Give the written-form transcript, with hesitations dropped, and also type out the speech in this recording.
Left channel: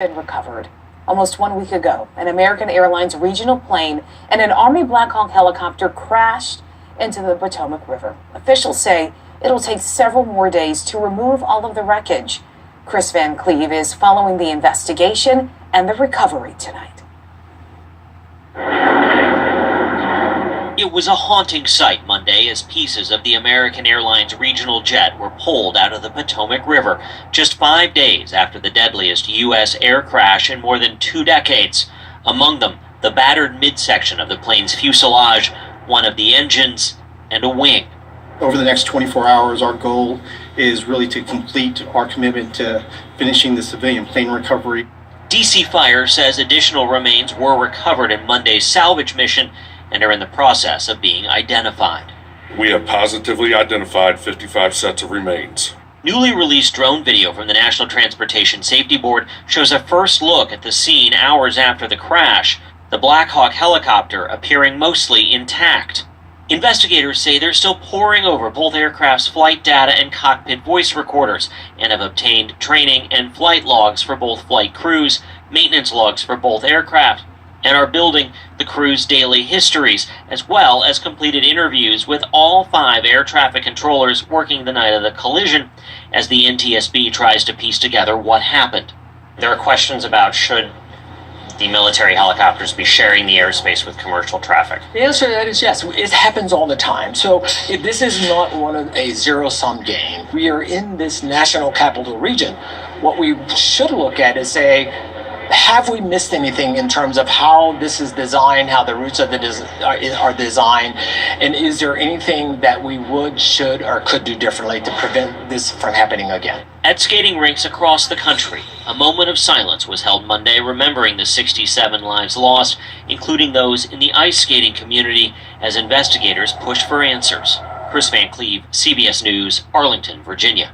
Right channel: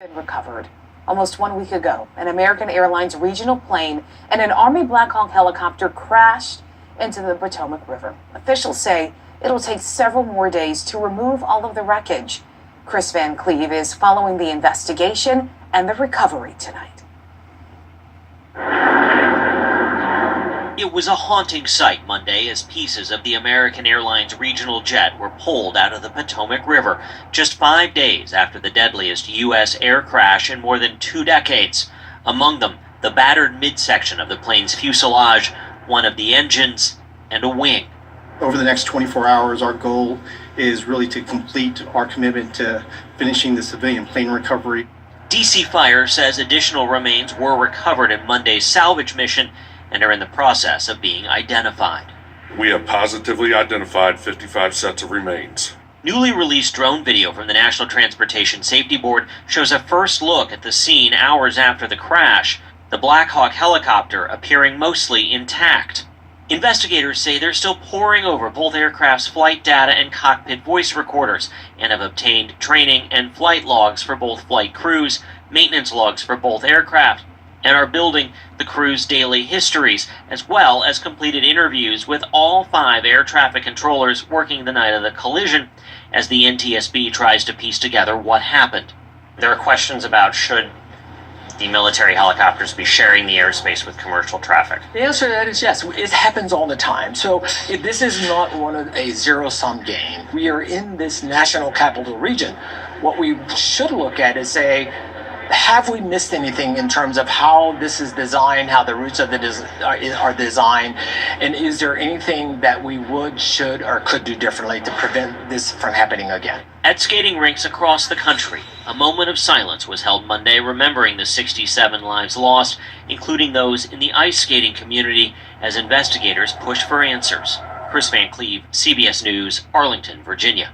Been recovered. Almost 1 week ago, an American Airlines regional plane and an Army Black Hawk helicopter crashed into the Potomac River. Officials say it'll take several more days to remove all of the wreckage. Chris Van Cleve is following the investigation and the recovery tonight. It was a haunting sight Monday as pieces of the American Airlines regional jet were pulled out of the Potomac River just 5 days after the deadliest U.S. air crash in more than 2 decades. Among them, the battered midsection of the plane's fuselage, one of the engines, and a wing. Over the next 24 hours, our goal is really to complete our commitment to finishing the civilian plane recovery. DC Fire says additional remains were recovered in Monday's salvage mission and are in the process of being identified. We have positively identified 55 sets of remains. Newly released drone video from the National Transportation Safety Board shows a first look at the scene hours after the crash, the Black Hawk helicopter appearing mostly intact. Investigators say they're still poring over both aircraft's flight data and cockpit voice recorders and have obtained training and flight logs for both flight crews, maintenance logs for both aircraft, and are building the crew's daily histories, as well as completed interviews with all 5 air traffic controllers working the night of the collision as the NTSB tries to piece together what happened. There are questions about should the military helicopters be sharing the airspace with commercial traffic. The answer to that is yes. It happens all the time. So this is not a zero-sum game. We are in this national capital region. What we should look at is say, have we missed anything in terms of how this is designed, how the routes of are designed, and is there anything that we would, should, or could do differently to prevent this from happening again? At skating rinks across the country, a moment of silence was held Monday remembering the 67 lives lost, including those in the ice skating community, as investigators push for answers. Chris Van Cleve, CBS News, Arlington, Virginia.